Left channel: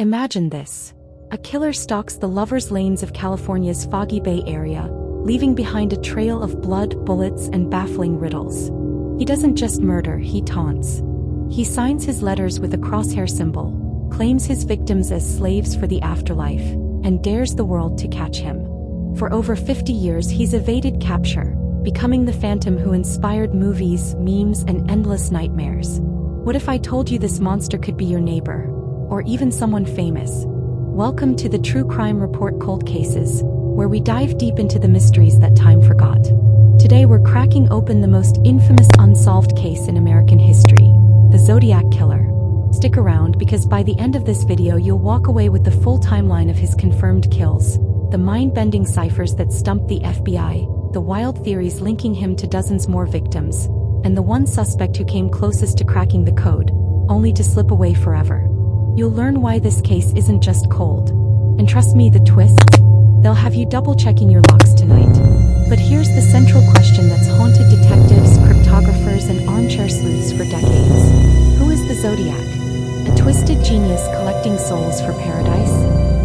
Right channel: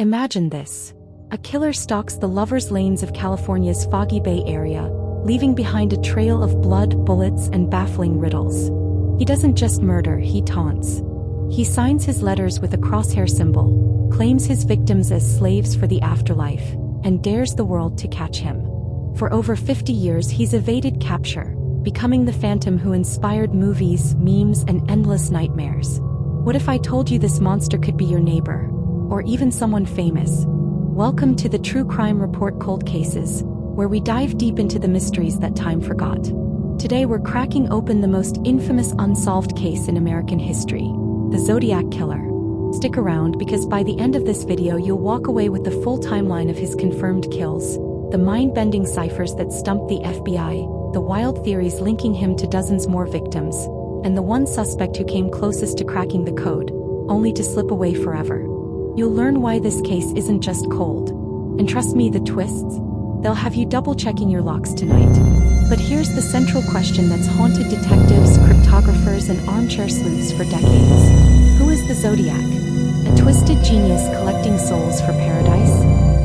Imagine this. A killer stalks the lover's lanes of California's Foggy Bay area, leaving behind a trail of blood, bullets, and baffling riddles. He doesn't just murder, he taunts. He signs his letters with a crosshair symbol, claims his victims as slaves for the afterlife, and dares the world to catch him. For over 50 years he's evaded capture, becoming the phantom who inspired movies, memes, and endless nightmares. What if I told you this monster could be your neighbor? Or even someone famous? Welcome to the True Crime Report Cold Cases, where we dive deep into the mysteries that time forgot. Today we're cracking open the most infamous unsolved case in American history, the Zodiac Killer. Stick around because by the end of this video you'll walk away with the full timeline of his confirmed kills, the mind-bending ciphers that stumped the FBI, the wild theories linking him to dozens more victims, and the one suspect who came closest to cracking the code, only to slip away forever. You'll learn why this case isn't just cold. And trust me, the twists, they'll have you double-checking your locks tonight. But here's the central question that's haunted detectives, cryptographers, and armchair sleuths for decades. Who is the Zodiac? A twisted genius collecting souls for paradise?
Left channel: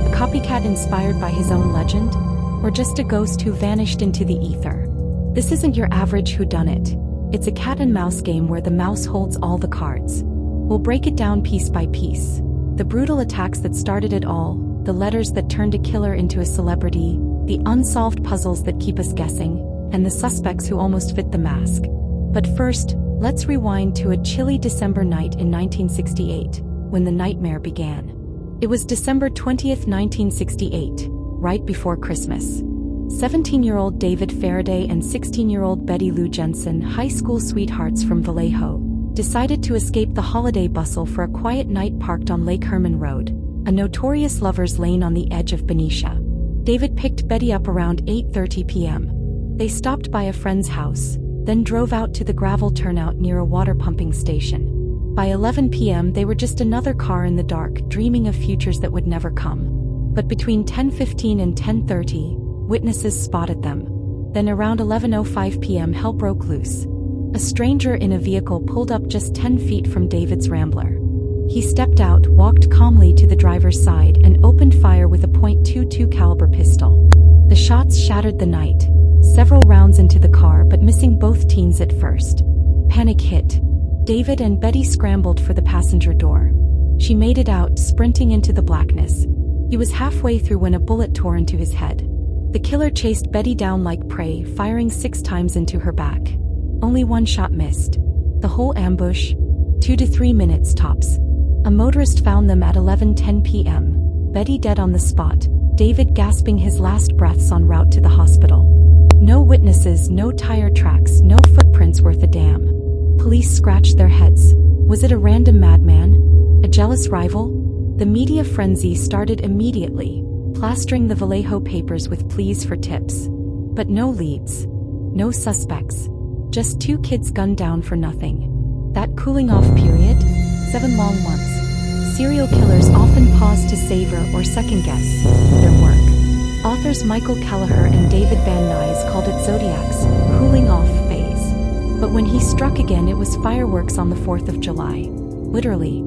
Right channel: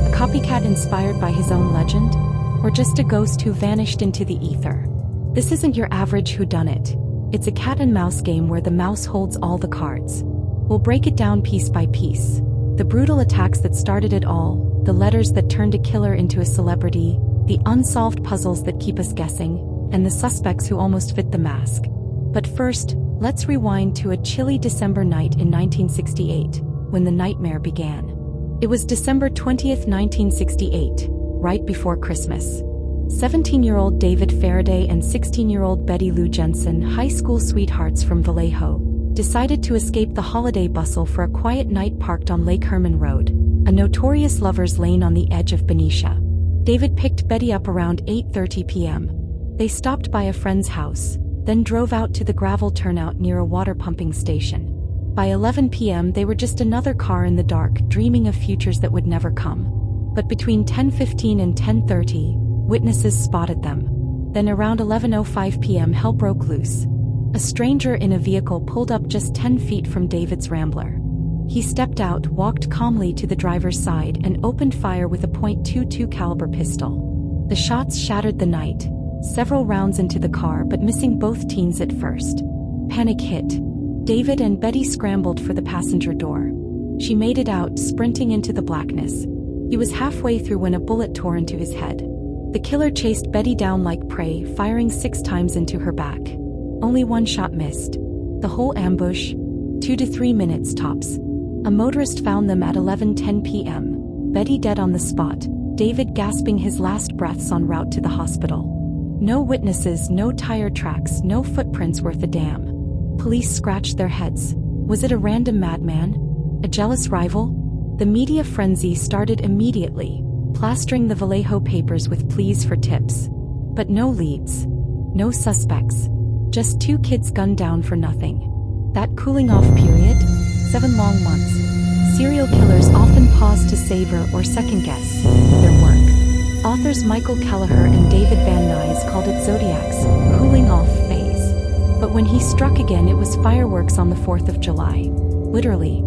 A copycat inspired by his own legend? Or just a ghost who vanished into the ether? This isn't your average whodunit. It's a cat-and-mouse game where the mouse holds all the cards. We'll break it down piece by piece. The brutal attacks that started it all, the letters that turned a killer into a celebrity, the unsolved puzzles that keep us guessing, and the suspects who almost fit the mask. But first, let's rewind to a chilly December night in 1968, when the nightmare began. It was December 20th, 1968, right before Christmas. 17-year-old David Faraday and 16-year-old Betty Lou Jensen, high school sweethearts from Vallejo, decided to escape the holiday bustle for a quiet night parked on Lake Herman Road, a notorious lover's lane on the edge of Benicia. David picked Betty up around 8:30 p.m. They stopped by a friend's house, then drove out to the gravel turnout near a water pumping station. By 11 p.m. they were just another car in the dark, dreaming of futures that would never come. But between 10:15 and 10:30, witnesses spotted them. Then around 11:05 p.m. hell broke loose. A stranger in a vehicle pulled up just 10 feet from David's Rambler. He stepped out, walked calmly to the driver's side, and opened fire with a .22 caliber pistol. The shots shattered the night, several rounds into the car but missing both teens at first. Panic hit. David and Betty scrambled for the passenger door. She made it out, sprinting into the blackness. He was halfway through when a bullet tore into his head. The killer chased Betty down like prey, firing 6 times into her back. Only one shot missed. The whole ambush? 2 to 3 minutes tops. A motorist found them at 11:10 p.m. Betty dead on the spot, David gasping his last breaths en route to the hospital. No witnesses, no tire tracks, no footprints worth a damn. Police scratched their heads. Was it a random madman? A jealous rival? The media frenzy started immediately, plastering the Vallejo papers with pleas for tips. But no leads. No suspects. Just 2 kids gunned down for nothing. That cooling off period? 7 long months. Serial killers often pause to savor or second-guess their work. Authors Michael Kelleher and David Van Nuys called it Zodiac's cooling-off phase. But when he struck again, it was fireworks on the 4th of July. Literally.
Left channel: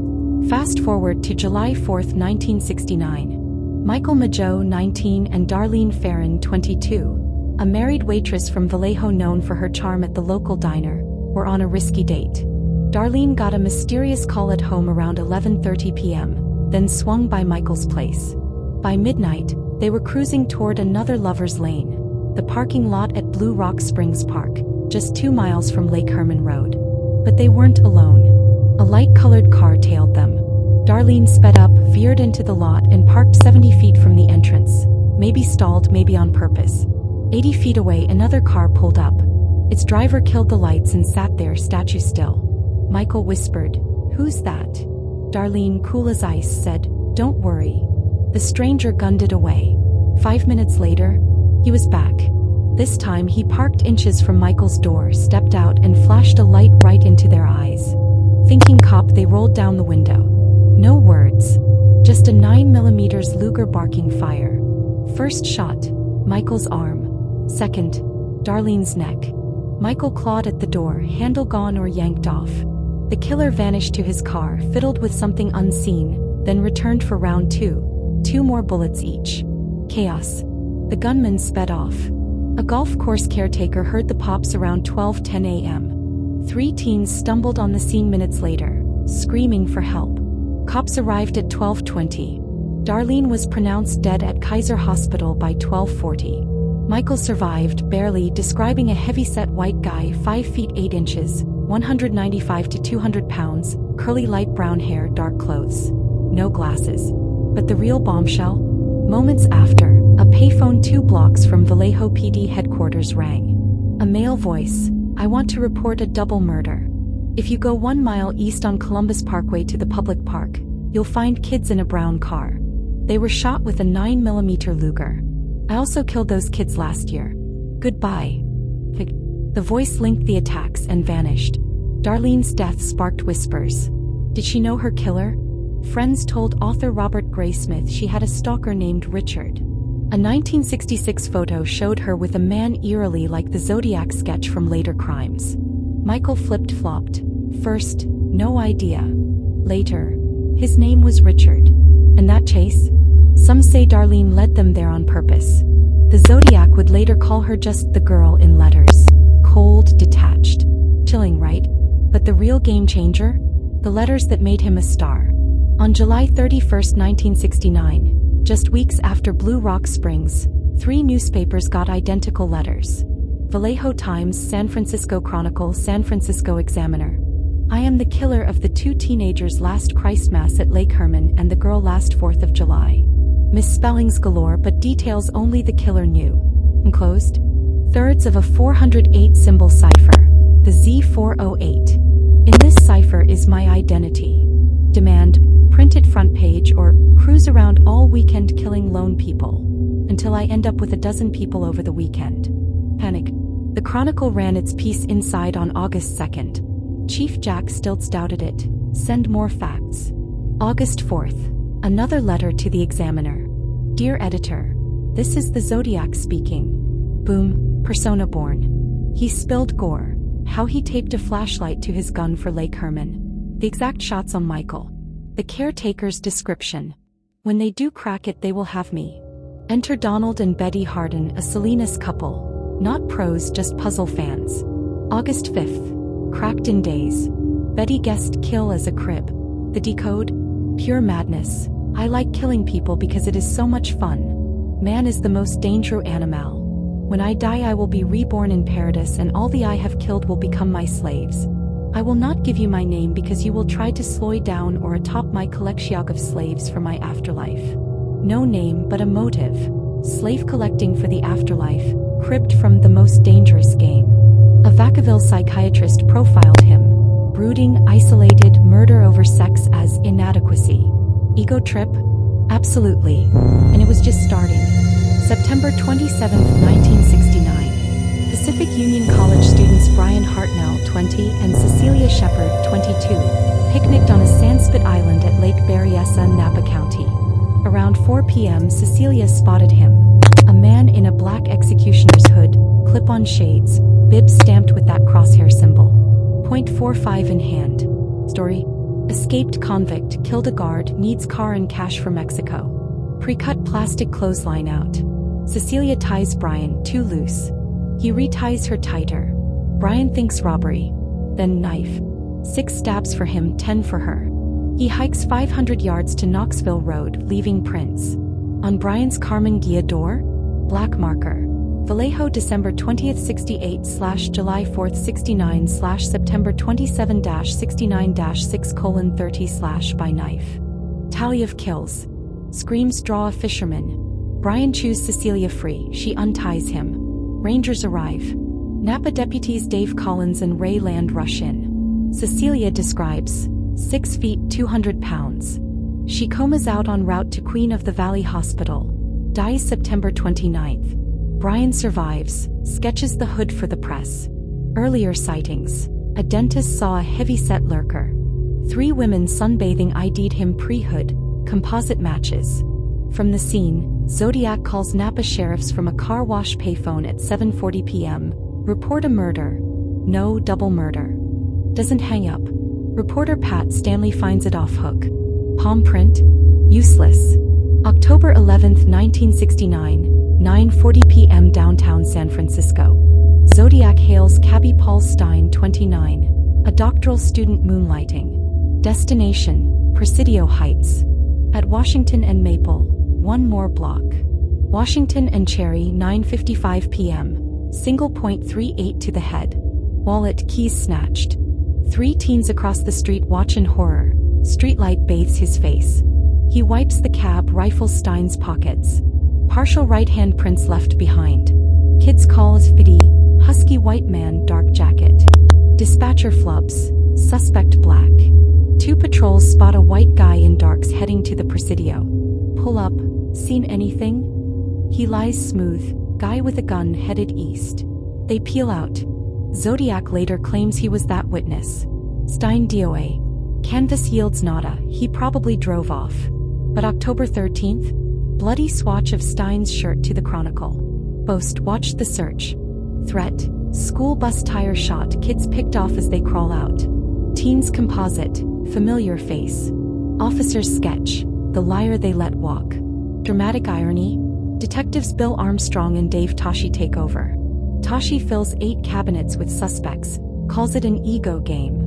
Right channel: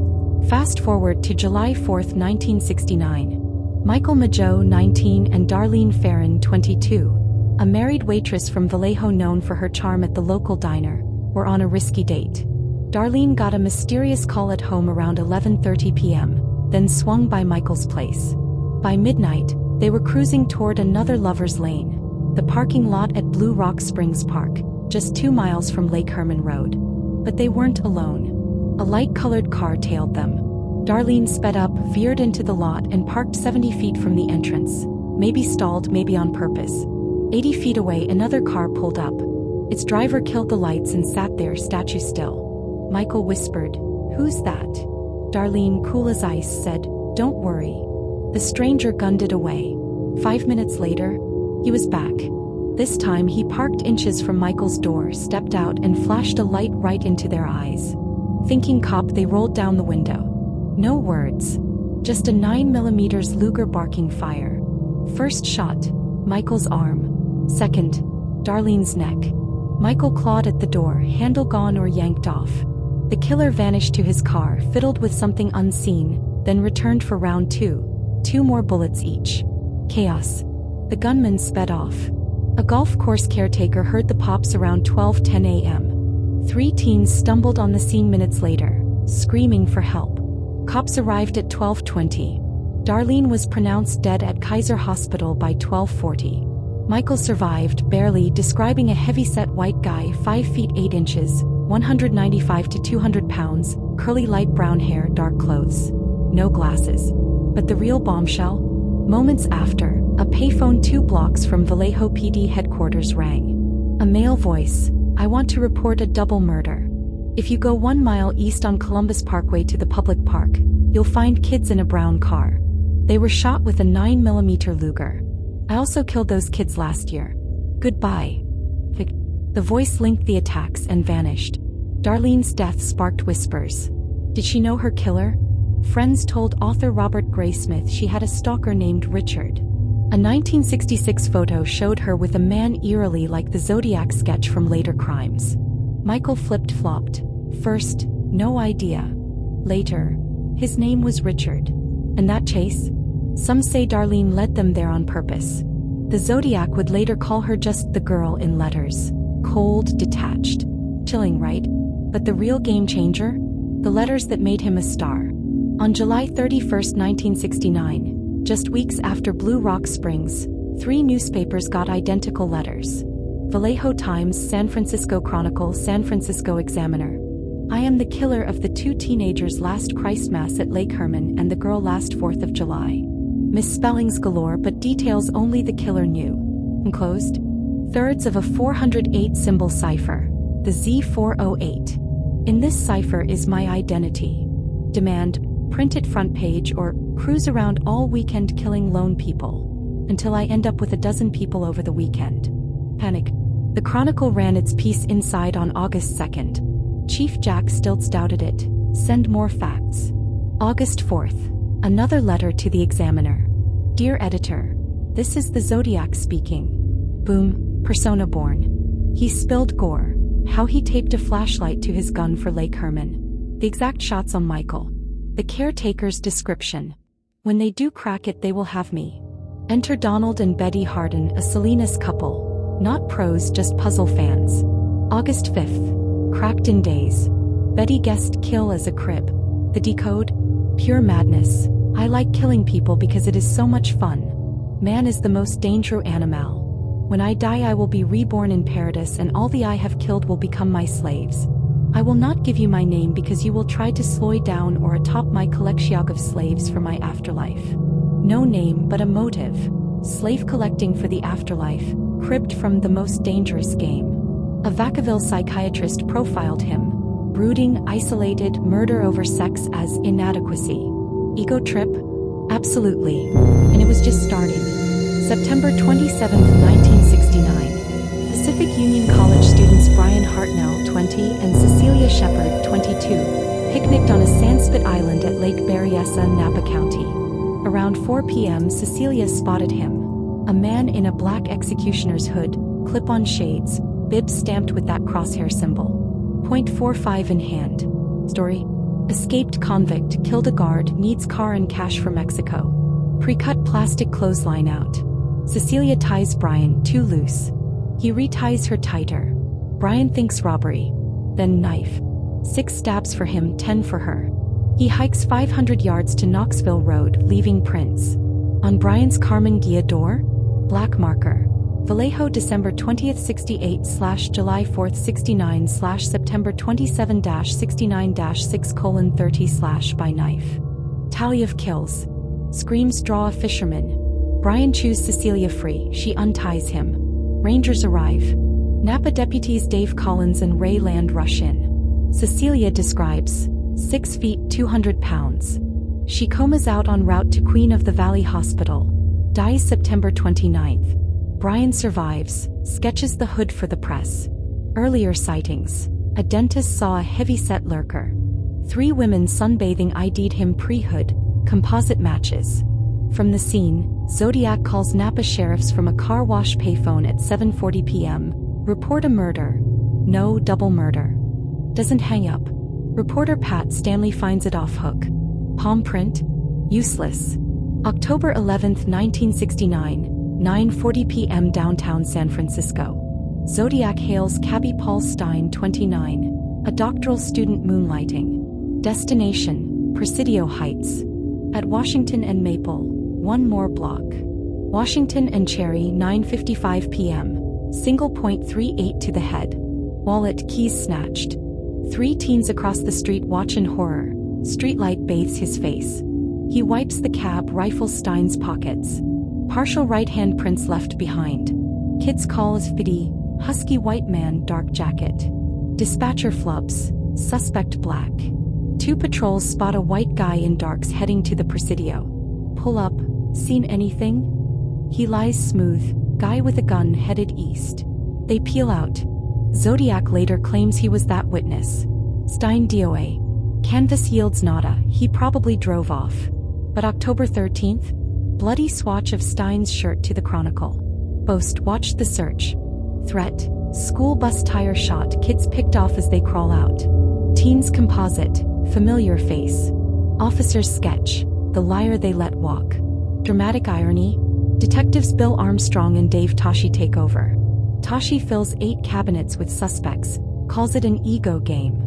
Fast forward to July 4th, 1969. Michael Mageau, 19, and Darlene Ferrin, 22, a married waitress from Vallejo known for her charm at the local diner, were on a risky date. Darlene got a mysterious call at home around 11:30 p.m., then swung by Michael's place. By midnight, they were cruising toward another lover's lane, the parking lot at Blue Rock Springs Park, just 2 miles from Lake Herman Road. But they weren't alone. A light-colored car tailed them. Darlene sped up, veered into the lot, and parked 70 feet from the entrance. Maybe stalled, maybe on purpose. 80 feet away, another car pulled up. Its driver killed the lights and sat there, statue still. Michael whispered, "Who's that?" Darlene, cool as ice, said, "Don't worry." The stranger gunned it away. 5 minutes later, he was back. This time he parked inches from Michael's door, stepped out, and flashed a light right into their eyes. Thinking cop, they rolled down the window. No words. Just a 9mm Luger barking fire. First shot, Michael's arm. Second, Darlene's neck. Michael clawed at the door, handle gone or yanked off. The killer vanished to his car, fiddled with something unseen, then returned for round 2, 2 more bullets each. Chaos. The gunman sped off. A golf course caretaker heard the pops around 12:10 a.m. 3 teens stumbled on the scene minutes later, screaming for help. Cops arrived at 12:20. Darlene was pronounced dead at Kaiser Hospital by 12:40. Michael survived, barely, describing a heavy-set white guy 5 feet 8 inches, 195 to 200 pounds, curly light brown hair, dark clothes. No glasses. But the real bombshell? Moments after, a payphone 2 blocks from Vallejo PD headquarters rang. A male voice. "I want to report a double murder. If you go 1 mile east on Columbus Parkway to the public park, you'll find kids in a brown car. They were shot with a 9mm Luger. I also killed those kids last year. Goodbye." The voice linked the attacks and vanished. Darlene's death sparked whispers. Did she know her killer? Friends told author Robert Graysmith she had a stalker named Richard. A 1966 photo showed her with a man eerily like the Zodiac sketch from later crimes. Michael flipped-flopped. First, no idea. Later, his name was Richard. And that chase? Some say Darlene led them there on purpose. The Zodiac would later call her just the girl in letters. Cold, detached. Chilling, right? But the real game changer? The letters that made him a star. On July 31, 1969, just weeks after Blue Rock Springs, 3 newspapers got identical letters. Vallejo Times, San Francisco Chronicle, San Francisco Examiner. "I am the killer of the 2 teenagers last Christmas at Lake Herman and the girl last 4th of July. Misspellings galore, but details only the killer knew." Enclosed. Thirds of a 408-symbol cipher, the Z408. "In this cipher is my identity. Demand, print it front page or cruise around all weekend killing lone people. Until I end up with a dozen people over the weekend." Panic. The Chronicle ran its piece inside on August 2nd. Chief Jack Stilts doubted it. "Send more facts." August 4th. Another letter to the Examiner. "Dear Editor, this is the Zodiac speaking. Boom, persona born. He spilled gore. How he taped a flashlight to his gun for Lake Herman. The exact shots on Michael. The caretaker's description. When they do crack it, they will have me. Enter Donald and Betty Harden, a Salinas couple. Not pros, just puzzle fans." August 5th. Cracked in days. Betty guessed kill as a crib. The decode? Pure madness. "I like killing people because it is so much fun. Man is the most dangerous animal. When I die I will be reborn in paradise and all the I have killed will become my slaves. I will not give you my name because you will try to slow down or atop my collection of slaves for my afterlife. No name but a motive. Slave collecting for the afterlife, cribbed from The Most Dangerous Game." A Vacaville psychiatrist profiled him. Brooding, isolated, murder over sex as inadequacy. Ego trip? Absolutely. And it was just starting. September 27, 1969. Pacific Union College students Brian Hartnell, 20, and Cecilia Shepard, 22, picnicked on a sandspit island at Lake Berryessa, Napa County. Around 4 p.m. Cecilia spotted him. A man in a black executioner's hood, clip-on shades, bib stamped with that crosshair symbol. .45 in hand. Story? Escaped convict, killed a guard, needs car and cash for Mexico. Pre-cut plastic clothesline out. Cecilia ties Brian, too loose. He reties her tighter. Brian thinks robbery. Then knife. 6 stabs for him, 10 for her. He hikes 500 yards to Knoxville Road, leaving prints. On Brian's Carmen Gia door? Black marker. Vallejo December 20th 68/July 4th 69/September 27-69-6:30 by knife. Tally of kills. Screams draw a fisherman. Brian chews Cecilia free, she unties him. Rangers arrive. Napa deputies Dave Collins and Ray Land rush in. Cecilia describes 6 feet 200 pounds. She comas out en route to Queen of the Valley Hospital. Dies September 29th. Brian survives, sketches the hood for the press. Earlier sightings. A dentist saw a heavy-set lurker. 3 women sunbathing ID'd him pre-hood, composite matches. From the scene, Zodiac calls Napa sheriffs from a car wash payphone at 7:40 p.m. Report a murder. No, double murder. Doesn't hang up. Reporter Pat Stanley finds it off hook. Palm print? Useless. October 11, 1969, 9:40 p.m. downtown San Francisco. Zodiac hails cabbie Paul Stein, 29, a doctoral student moonlighting. Destination, Presidio Heights. At Washington and Maple, one more block. Washington and Cherry, 9:55 p.m. Single .38 to the head. Wallet, keys snatched. 3 teens across the street watch in horror. Streetlight bathes his face. He wipes the cab, rifles Stein's pockets. Partial right-hand prints left behind. Kids call as Fiddy, husky white man, dark jacket. Dispatcher flubs, suspect black. 2 patrols spot a white guy in darks heading to the Presidio. Pull up, seen anything? He lies smooth, guy with a gun headed east. They peel out. Zodiac later claims he was that witness. Stein DOA. Canvas yields nada, he probably drove off. But October 13th? Bloody swatch of Stein's shirt to the Chronicle. Boast watched the search. Threat. School bus tire shot, kids picked off as they crawl out. Teens composite, familiar face. Officers sketch, the liar they let walk. Dramatic irony. Detectives Bill Armstrong and Dave Toschi take over. Toschi fills 8 cabinets with suspects, calls it an ego game.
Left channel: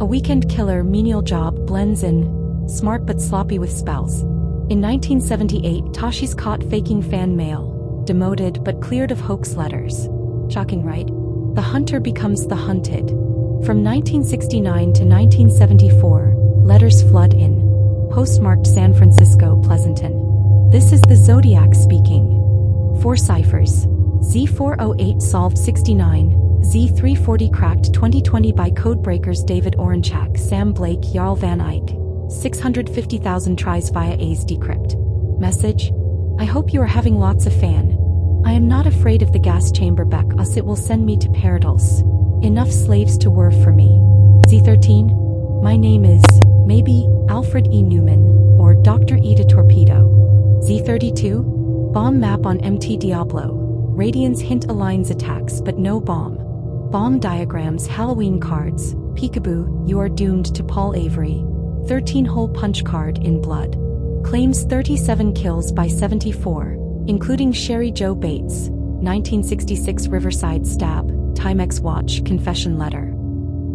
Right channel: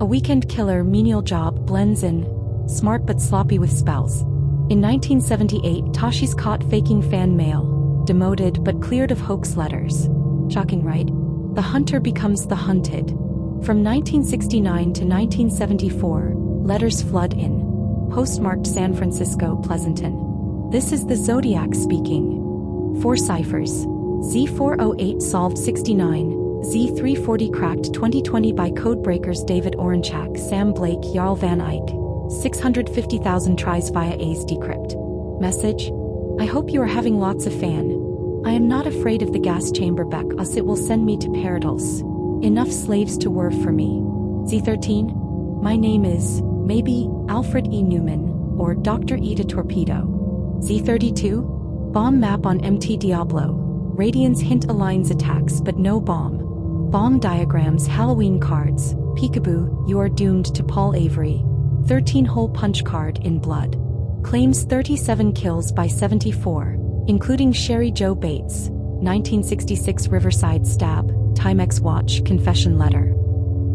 A weekend killer menial job blends in, smart but sloppy with spells. In 1978, Toschi's caught faking fan mail, demoted but cleared of hoax letters. Shocking, right? The hunter becomes the hunted. From 1969 to 1974, letters flood in. Postmarked San Francisco, Pleasanton. This is the Zodiac speaking. 4 ciphers. Z408 solved 69, Z340 cracked 2020 by codebreakers David Orenchak, Sam Blake, Jarl Van Eyck. 650,000 tries via A's decrypt. Message: I hope you are having lots of fan. I am not afraid of the gas chamber back us, it will send me to paradise. Enough slaves to work for me. Z13? My name is, maybe, Alfred E. Newman, or Dr. Ida Torpedo. Z32? Bomb map on MT Diablo. Radiance hint aligns attacks but no bomb. Bomb diagrams, Halloween cards. Peekaboo, you are doomed to Paul Avery. 13-hole punch card in blood. Claims 37 kills by 74, including Sherry Joe Bates. 1966 Riverside stab, Timex watch, confession letter.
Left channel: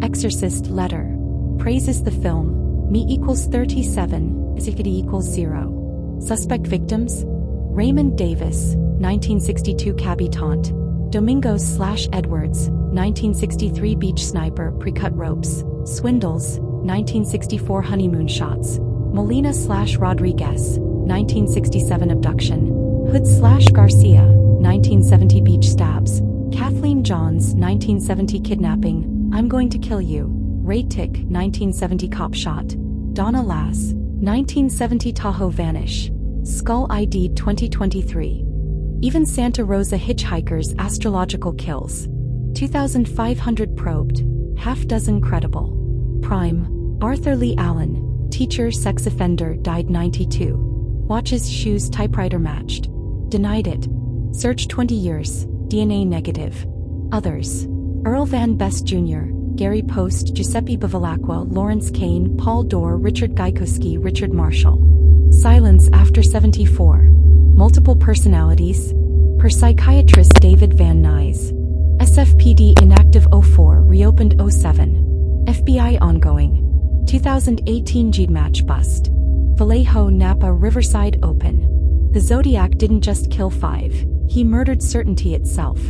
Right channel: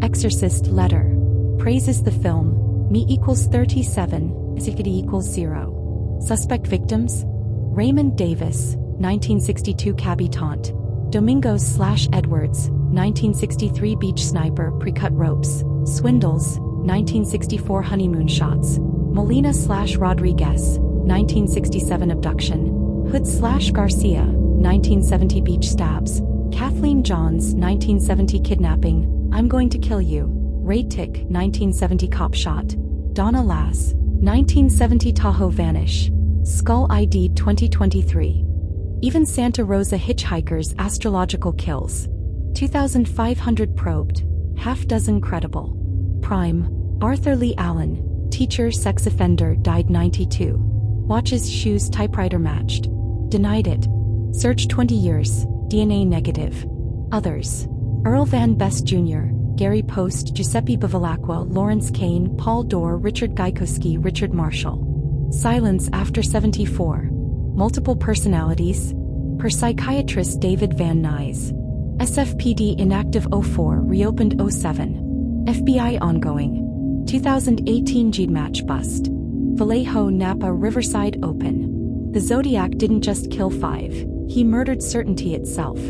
Exorcist letter. Praises the film. Me equals 37, Zikity equals 0. Suspect victims? Raymond Davis, 1962 cabbie taunt. Domingos/Edwards, 1963 beach sniper, pre-cut ropes. Swindles, 1964 honeymoon shots. Molina/Rodriguez, 1967 abduction. Hood/Garcia, 1970 beach stabs. Kathleen Johns, 1970 kidnapping. I'm going to kill you. Ray Tick, 1970 cop shot. Donna Lass, 1970 Tahoe vanish. Skull ID 2023. Even Santa Rosa hitchhikers astrological kills. 2,500 probed. Half dozen credible. Prime. Arthur Leigh Allen, teacher sex offender, died 92. Watches, shoes, typewriter matched. Denied it. Search 20 years, DNA negative. Others. Earl Van Best Jr., Gary Post, Giuseppe Bevilacqua, Lawrence Kane, Paul Dorr, Richard Gaikowski, Richard Marshall. Silence after 74. Multiple personalities. Per psychiatrist David Van Nuys. SFPD inactive 04, reopened 07. FBI ongoing. 2018 G-Match bust. Vallejo, Napa, Riverside open. The Zodiac didn't just kill 5, he murdered certainty itself.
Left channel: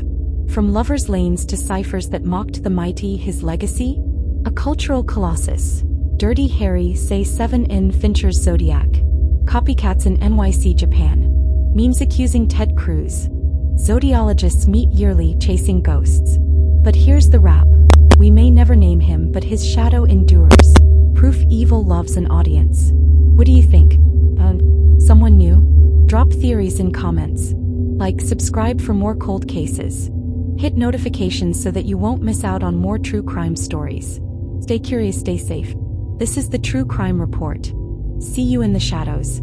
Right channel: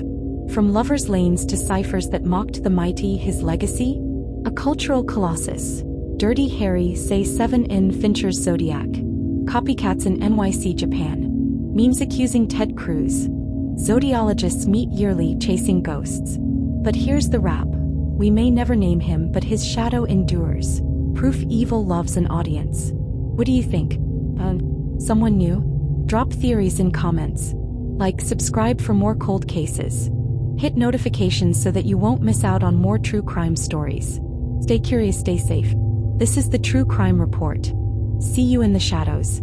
From lovers' lanes to ciphers that mocked the mighty, his legacy? A cultural colossus. Dirty Harry, say 7 in Fincher's Zodiac. Copycats in NYC, Japan. Memes accusing Ted Cruz. Zodiologists meet yearly chasing ghosts. But here's the wrap. We may never name him, but his shadow endures. Proof evil loves an audience. What do you think? Someone new? Drop theories in comments. Like, subscribe for more cold cases. Hit notifications so that you won't miss out on more true crime stories. Stay curious, stay safe. This is the True Crime Report. See you in the shadows.